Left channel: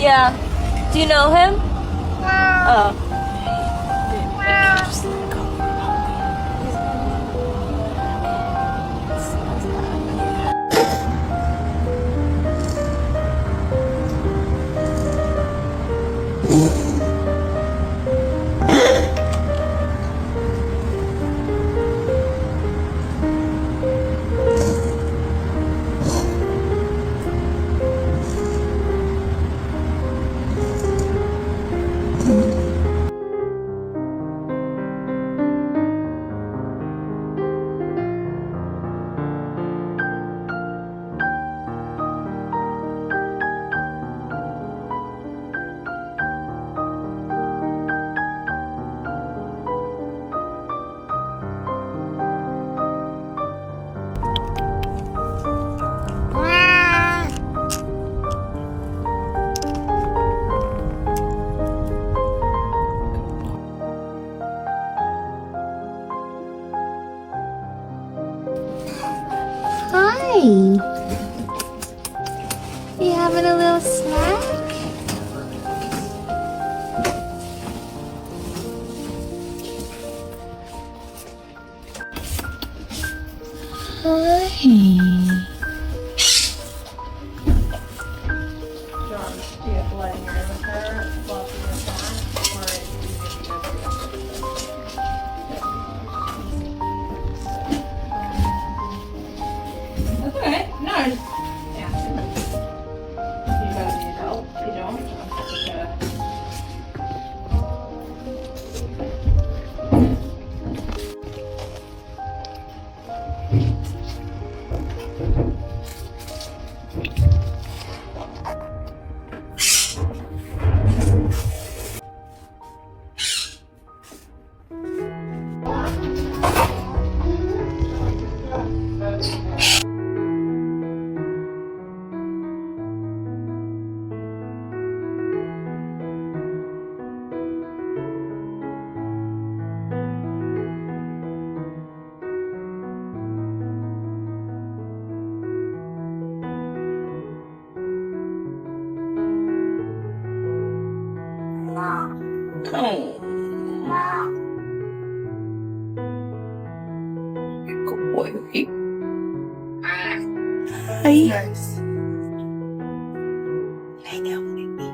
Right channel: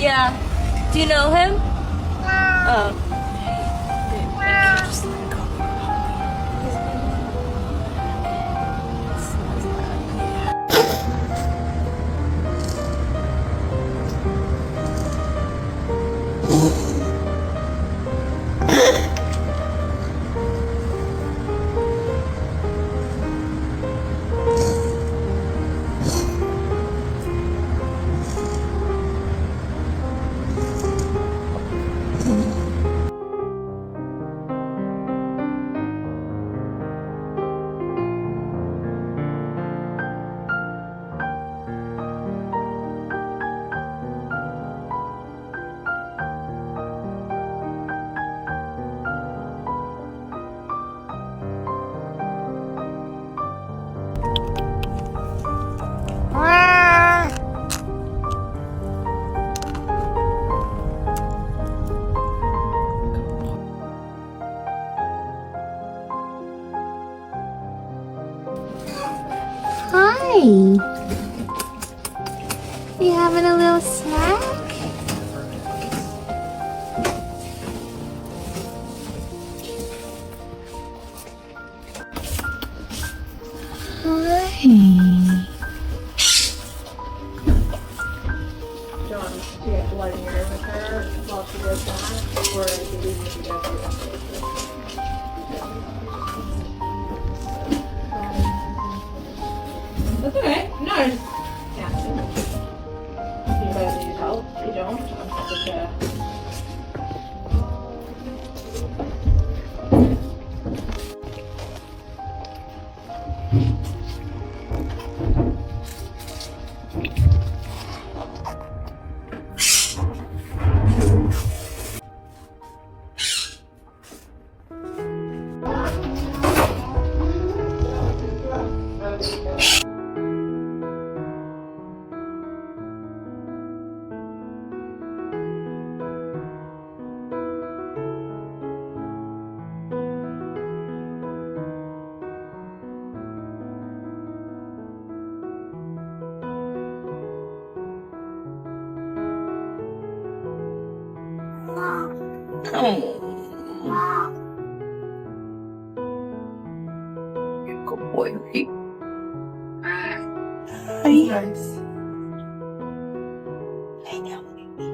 Yeah. Do you know him? Oh. Hi. You having a little snack? Hi. John, do you have blood in your ear with her while she does that? Or do you leave it together? That's alright. No. Yeah. Do you guys need help? You don't? I'm happy to. Good boy, right? Hi. Nice. Lay down, baby.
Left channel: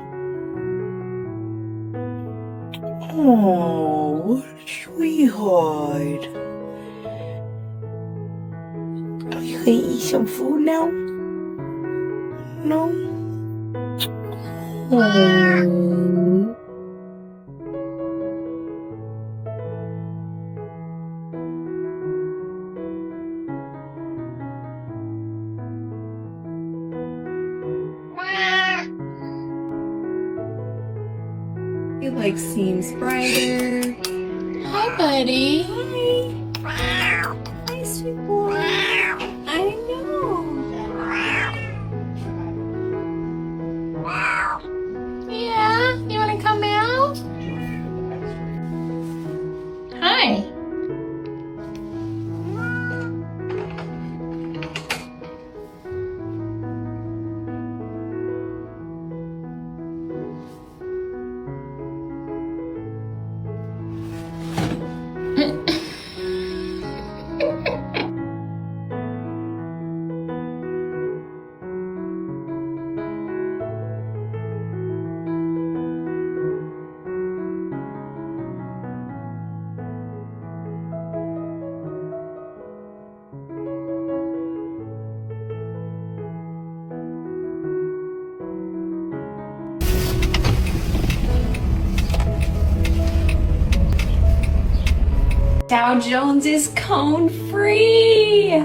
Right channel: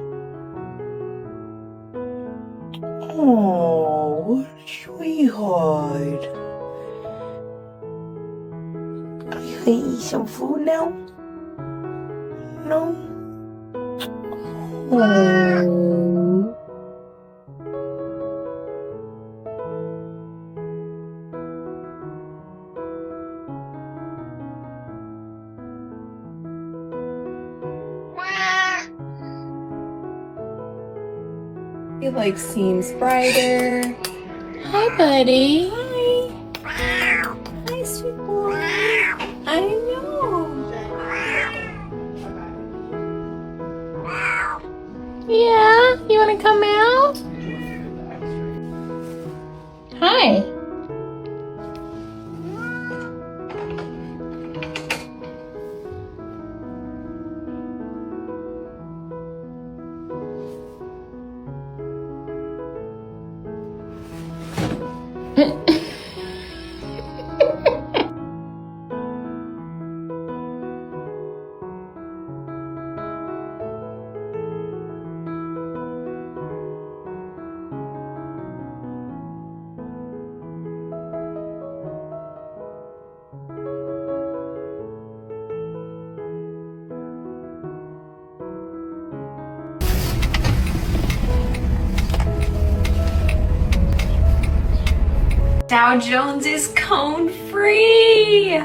Oh, sweetheart. Are you gonna eat some food now? No? Oh. It like seems brighter. Hi, buddy. Hi. Hi, sweet boy. I know. Yeah? You wanna come out? Hi. Dow Jones is cone free.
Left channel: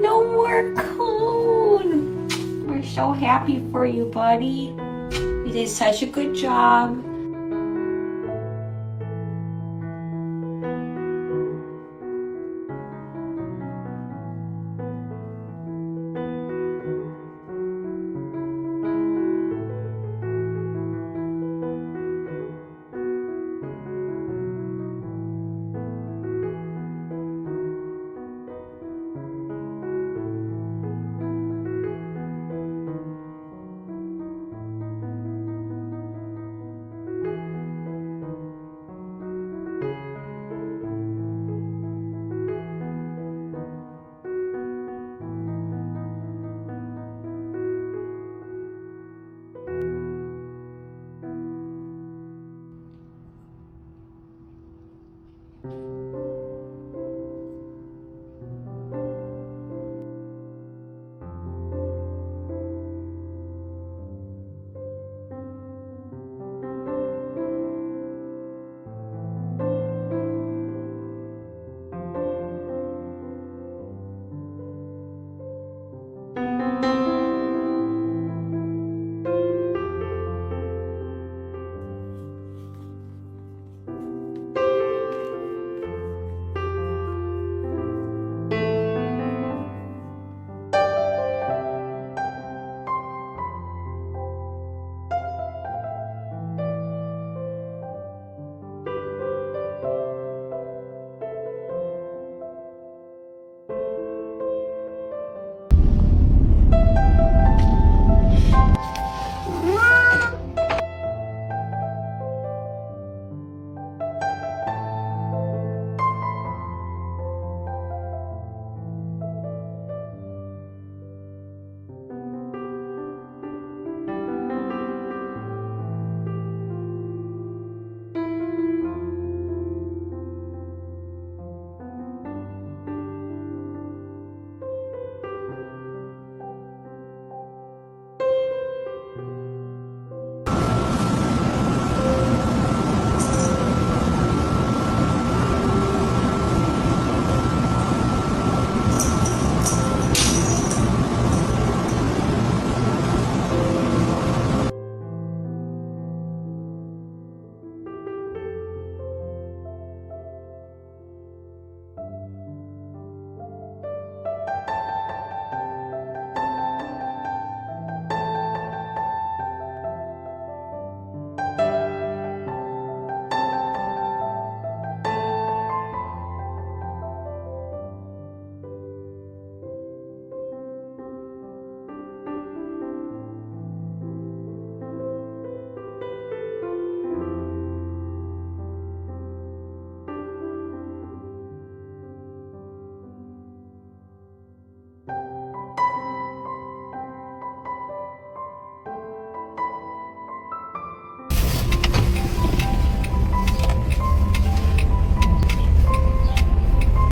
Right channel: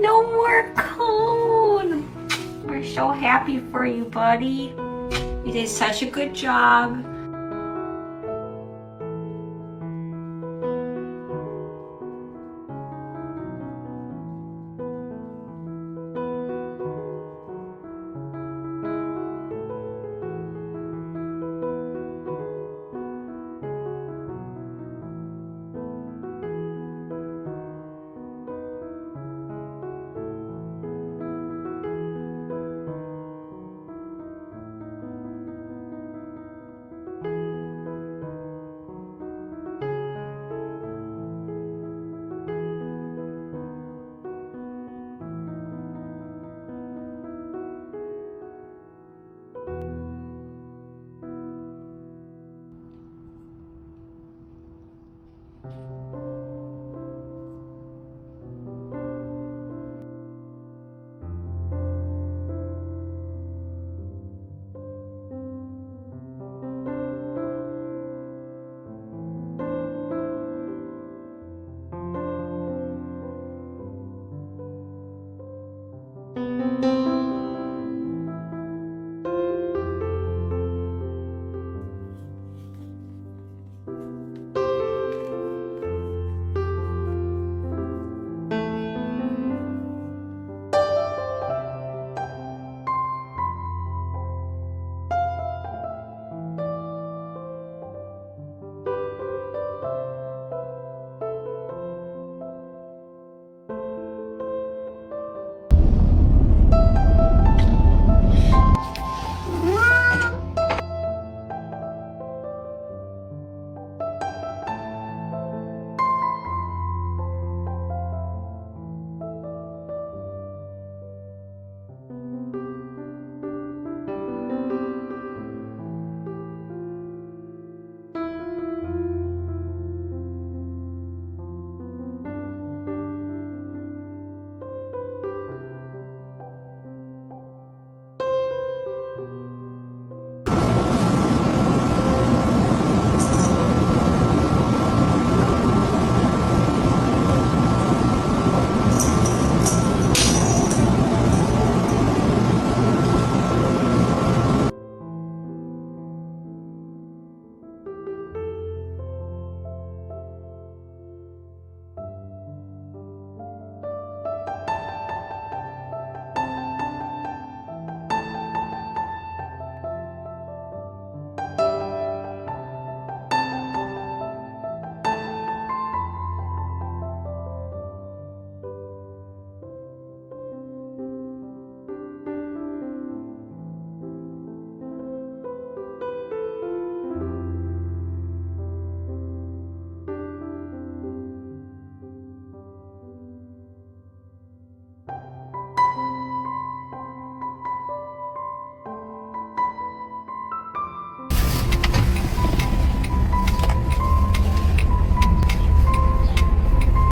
No more cone. We're so happy for you, buddy. You did such a good job.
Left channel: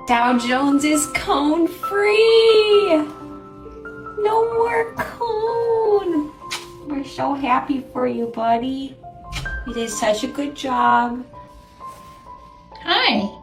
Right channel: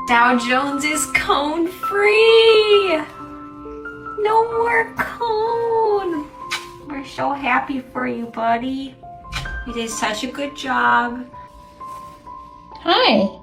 Dow Jones is cone free. No more cone. We're so happy for you, buddy. You did such a good job. Hi.